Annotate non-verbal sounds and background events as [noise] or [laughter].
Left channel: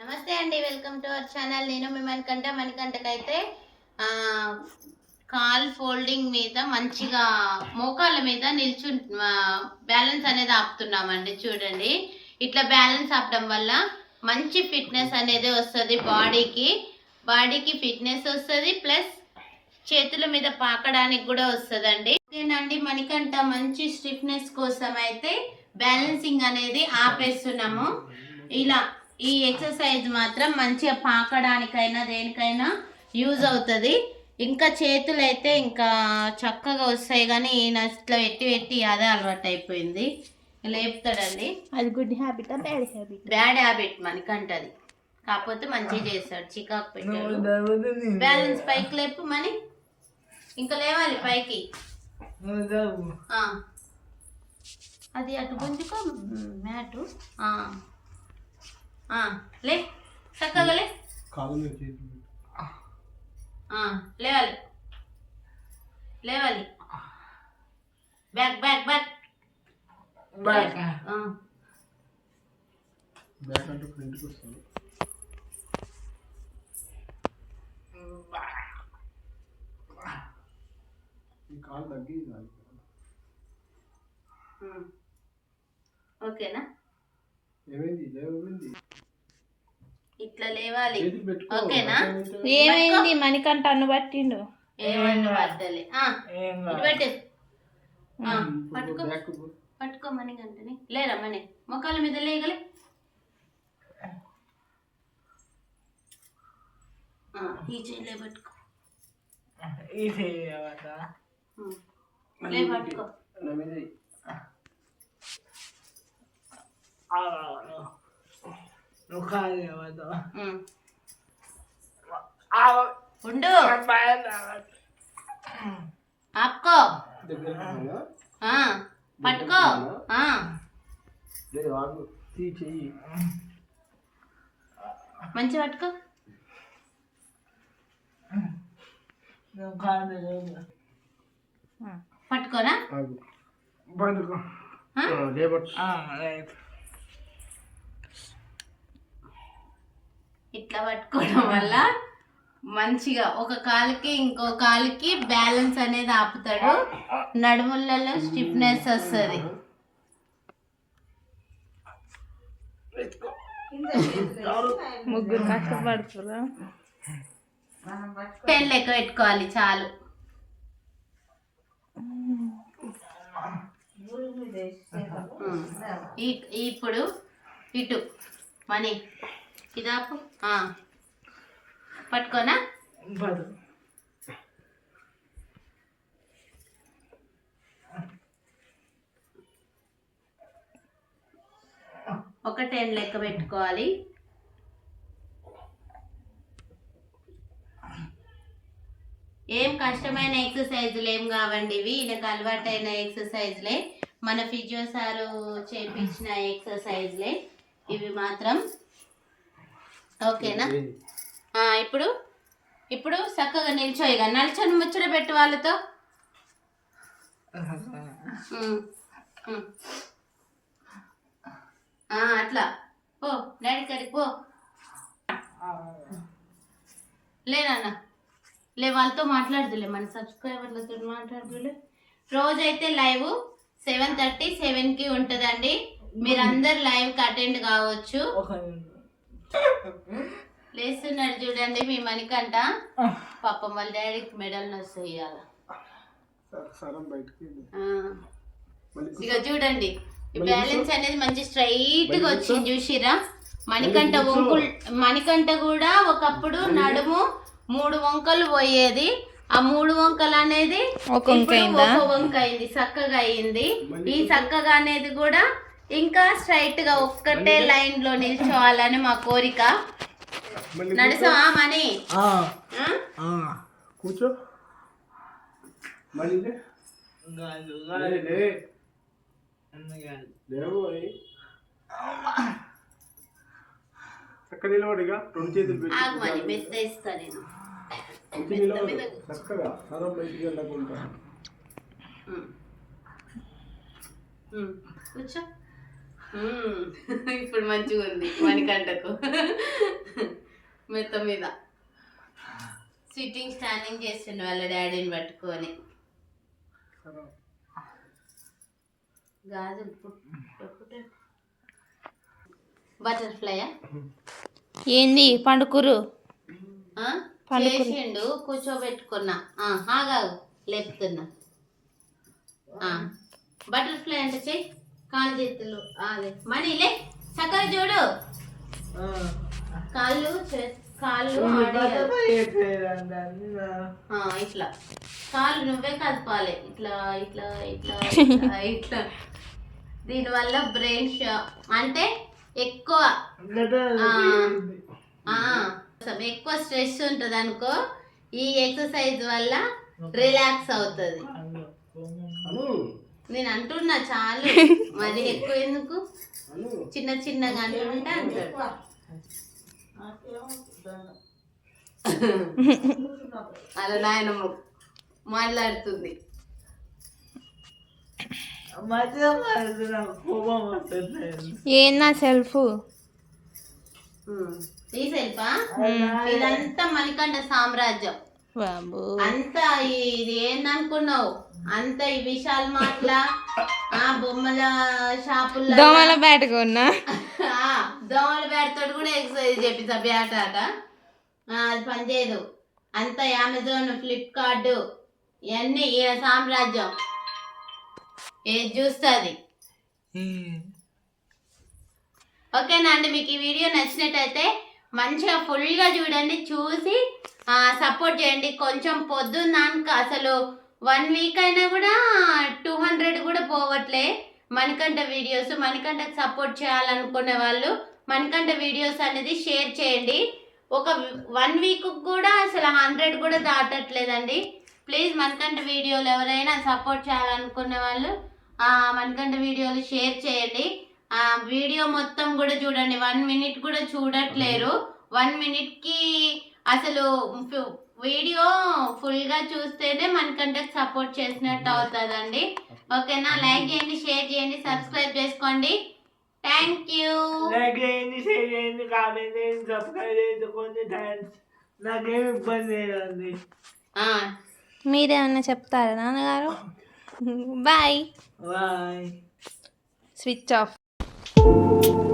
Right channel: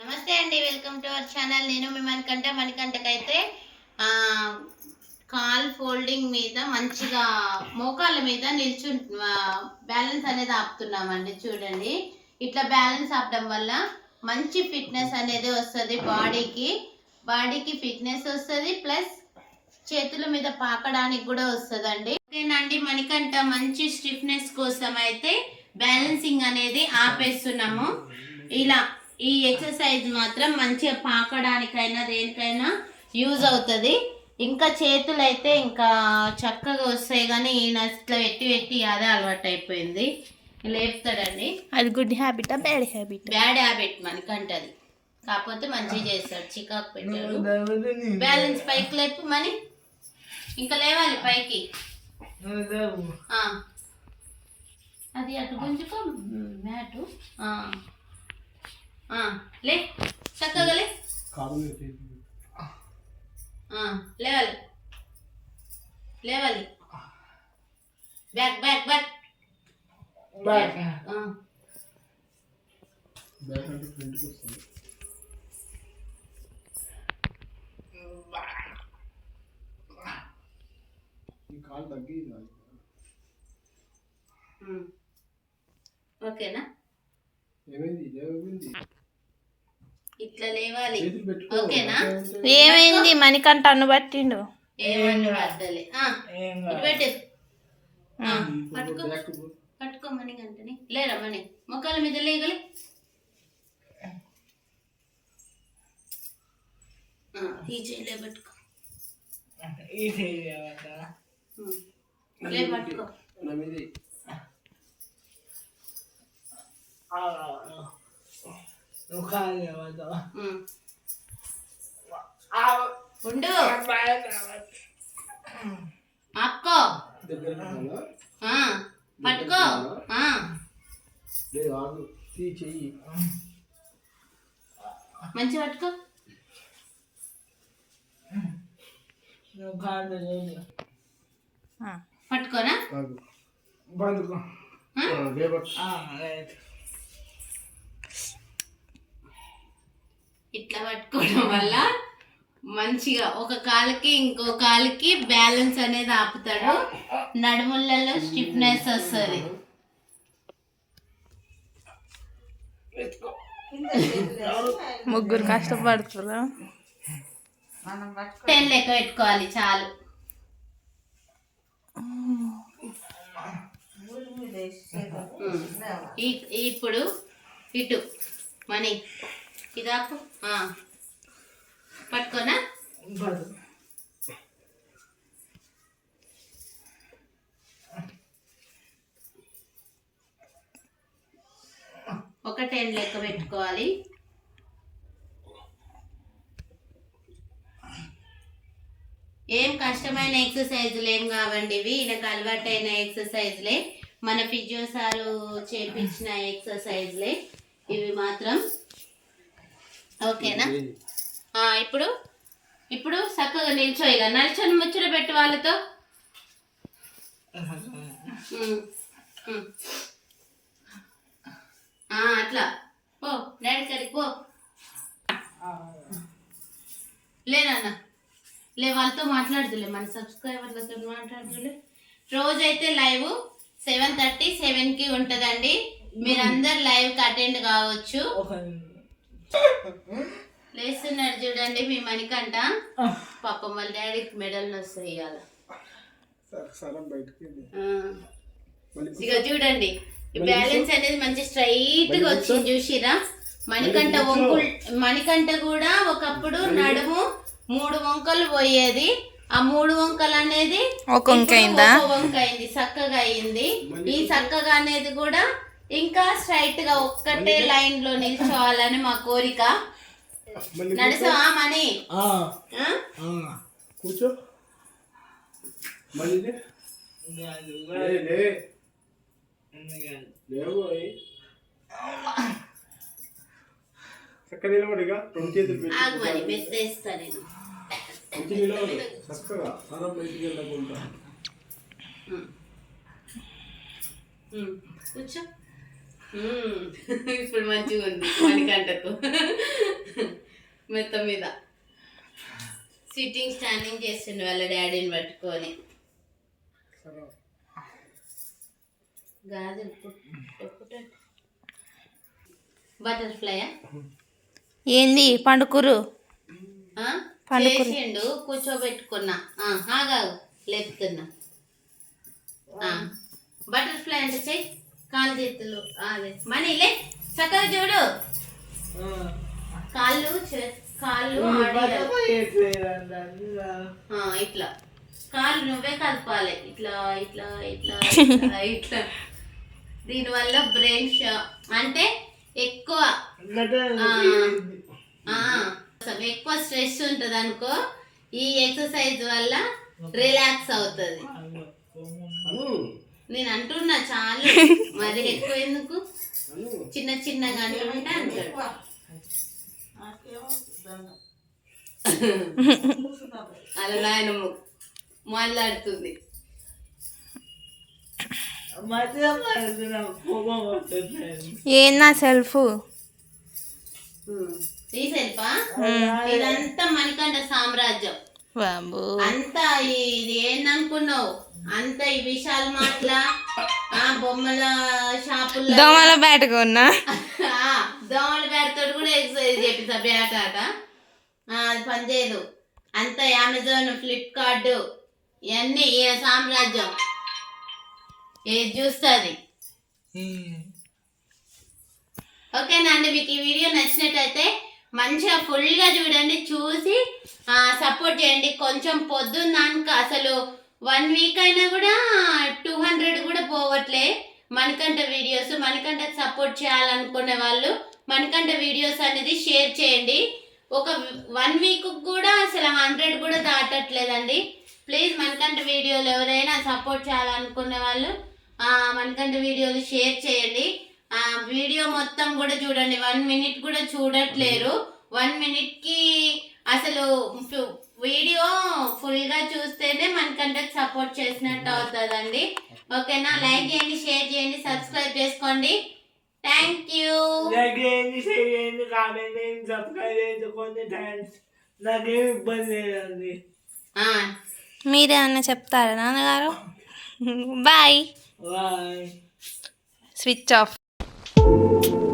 నమస్తే అండి welcome to our channel. నేను మీ మణికంట మణికంటకైతే కాల్ ఫోల్డింగ్ మీద మంచిగా మోకాల మీద నిల్చు బ్యాలెన్స్ అనేది ఆపుతున్నామండి చూడండి. ఇట్లా బ్యాలెన్స్ ఆపడం వల్ల మంచి ఫిట్నెస్ అనేది వస్తుంది బాడీకి. బాడీకి ఫిట్నెస్ వస్తుంది ప్లస్ చేతుల మీద పాకడానికి కూడా వస్తుందండి. ఓకేనండి మనకంట మంచి స్టిఫ్నెస్ కోసం అయితే బ్యాలెన్సింగ్ అనేది ఆపేస్తున్నాము. ఇలా ఈ ఎక్సర్సైజ్ మాత్రం మంచిగా పాకడానికైనా దేనికైనా యూజ్ అవుతుంది. ఇంకా చేతులు అయితే ఇంకా చక్కగా వస్తాయి కానీ ఈయన ఇట్లా పెట్టి పెట్టి అదే అలవాటు అయిపోయింది. లేపుతాడండి. అది గుడ్ హ్యాబిటా బ్యాడ్ హ్యాబిట్? బ్యాడ్ హ్యాబిట్ మనకంటది కాకపోతే మంచిగా చేస్తాడు చికాకు పెట్టాడు. బ్యాలెన్స్ పైకి లేపు మని ఇంకా లేవాలి పైకి. ఆ. అది అటు గుంజుకో మ్యాటు. ఆ. ఆ, లే చక్కగా లే. ఆ, లేవాలి. లేవాలి. బ్యాక్ బ్యాక్ బ్యాక్ ఆ. బ్యాక్ అంటే ఫ్రంట్కి వస్తుంది. ఈ కాలు తగ్గి. ఓకేనా? ఏమైంది? ఏమైంది? ఇట్లా లేవాలి. ఓకేనా? ఏమైంది? మణికంట అన్ను పట్టిండు. ఏమన్నా పడ్డలే ఆ, ఇటు పెట్టు. ఆ, పట్టుకో. పట్టుకో మణి గంటని లేరా మణి. మొక్కల మీద లేగలి. ఆ, ఈ చేయిలే పట్టుకో. ఉమ్. లే పట్టుకో. నా మీద. ఎయ్. ఉమ్. ఉండు. ఆపుకో. పట్టుకో. మంచి పట్టుకో. ఆగు బందుకో ఆ? లేబట్ ఇట్లా పట్టుకోవడం వల్ల మంచిగా ఒక కాలుకి ఇంకో కాలుకి బ్యాలెన్స్ అనేది ఆపుతాడు. నడుములలో స్టిఫ్నెస్ వస్తుంది. ముగ్గురు కష్టపడుతురా టెన్ లెక్క పెట్టుకోవాలి చాలు ఉమ్. ఈ- ఇప్పుడు ఇటు మనీ. ఇదాపు ఆ. పట్టుకోనా? ఒక టెన్ లెక్క పెట్టుకోవాలి. ఏం కష్టమైన ఎక్సర్సైజులు ఏం కావండి ఇవి? ఈయనకు అలవాటైన ఎక్సర్సైజ్లే మన ఫిజియో సారు చేపించిన ఎక్సర్సైజ్లే. ఇవి మాత్రం. ఓకేనా? ఇప్పుడు ఇప్పుడు చక్కగా నిల్చో ఇక. నల్చొని ముచ్చట పెట్టు వాళ్ళతో. అట్లా. పో డాడీ కడికి పో. లేనన్నా లే వాళ్ళతో మాట్లాడుతులే మన సబ్స్క్రైబర్లతో మాట్లాడుతులే రోజైతే లైవ్. సెవెన్ థర్టీ సెవెన్కి ఉంటుందండి. మీరందరు లైవ్కి అటెండ్ కావచ్చు. లేస్తున్నాడు చూడండి మీ మణికంట పాపం వాళ్ళ డాడీకి మెడల్ వస్తాయి ఇవాళ. ఇక చూడండి ఈ బ్యాలెన్స్ అనేది మంచి స్ట్రైట్గా వచ్చింది చూసిరా? మణికంఠ వంకులు మణికంఠ కూడా ఒకప్పుడు నడుము మూడు వంకలు పోయేది. ఆ మూడు వంకలు అనేది ఒక వంక అయిందా? ఒక వంక అయింది చక్కగా అయింది. ఈ చక్కగా అనేది కూడా ఇంకా స్ట్రైట్గా ఒక్కటే లైన్లో నిల్చోవాలని మా కోరిక. నడుసా మణి. ఆ, ఆ? ఆ. కూర్చో. చక్కగా నిలబడిగా రెండు చేతులు ఆగు మరి పెట్టి మెత్త ఇస్తా నేను. చక్కగా బయటికి వెళ్ళకుండా కూర్చో. [laughs] ఇప్పుడు మంచిగా ఉంది మణికంటకు [laughs] మెత్త మీద. సిట్టింగ్ స్టాండింగ్ చేస్తుండే వాళ్ళ డాడీని పట్టుకొని. గాజులు బటర్ఫ్లైయా ఏంది పండుకురు? పండుకురు. చేసిండు కూర్చోబెట్టుకున్నా. ఆ, ఆగాగు లేపుతున్నా. బటర్ఫ్లై అంటే చెయ్యి కాలు చేతులు అదే మనీ లే. చక్కగా చూడు. కాళ్ళు చే- కాళ్ళు ఇట్లా. కాళ్ళు నువ్వే కదపాలి ఇట్లా ఇట్లా [laughs] ఇట్లా ఇట్లా దీనివల్ల బ్రెయిన్ షా అంటే ఎక్కువ. ఆ, ఆ, అసలు ఎక్కువ స్ట్రెస్ ఉంటుంది అనుకో ఈ ఎక్సర్సైజ్ వల్ల రిలాక్స్ అవుతుంది. నేను అంటున్నా చాలు మరి ఎక్కువ ఎందుకు? చిన్న చిన్నగా అంటుంటే అంటాడు అలా నాయనమ్మ మాట్లాడుతుంది. ఏందా సెల్ఫ్. ఈ సెల్ఫా ఇదంతా మణికంఠ సామ్రాజ్యం. బాబు అంతా ఇది ఏందనుకున్నావు? అంత ఈ విశాల్ మాటల ఆ బొమ్మల షాపుల్లో దోమల బయటకు ఉన్నా ఆ, దోమల బ్యాట్తో కూడా ఎక్సర్సైజ్ చేపిస్తా బ్యాట్ ఆట. అది పనిచేయదు అంత అమెజాన్ ఫ్లిప్కార్ట్ ఇవన్నీ ఈ సామ్రాజ్యం. ఏది చూస్తుంది ఓకేనా అండి మీకు ఈ వీడియో నచ్చినట్టయితే మంచిగా ఫుల్గా చూడండి చూసి సపోర్ట్ చేయండి. కొంచెం పొద్దున్నాక అసలు వన్ వీక్ అయినా కూడా టూ హండ్రెడ్ కూడా పోవట్లే. మణికంఠ వీడియోస్ మణికంఠ సపోర్ట్ చేయాలనుకునే వాళ్ళు మణికంఠ వీడియోస్ అనేది షేర్ చేయండి. ఒక వన్ వీక్ కూడా అసలు హండ్రెడ్ కూడా దాటట్లేదండి. ప్లీజ్ మణికంఠ వీడియోలు ఎవరైనా సపోర్ట్ చేయాలనుకునే వాళ్ళు మణికంఠ వీడియోలు షేర్ చేయండి. వీడియో మొత్తం కూడా చూడండి. వన్ మినిట్ కూడా చూడట్లేరు. వన్ మినిట్కి అసలు వీడియో ఫుల్గా చూస్తేనే మనకంటే సపోర్ట్ చేసినట్టు అవుతుందండి. ఓకేనా? లైక్ చేయండి షేర్ చేయండి సబ్స్క్రైబ్ చేసుకోండి. Thank you. నాకేంటి చేయండి కామెంట్ సబ్స్క్రైబ్ చేసుకోండి థ్యాంక్స్. నాకేం ఇబ్బంది లేదండి. మీరేమన్నా చెప్తారా నాన్నగారు? Bye. Bye. Switch off. you.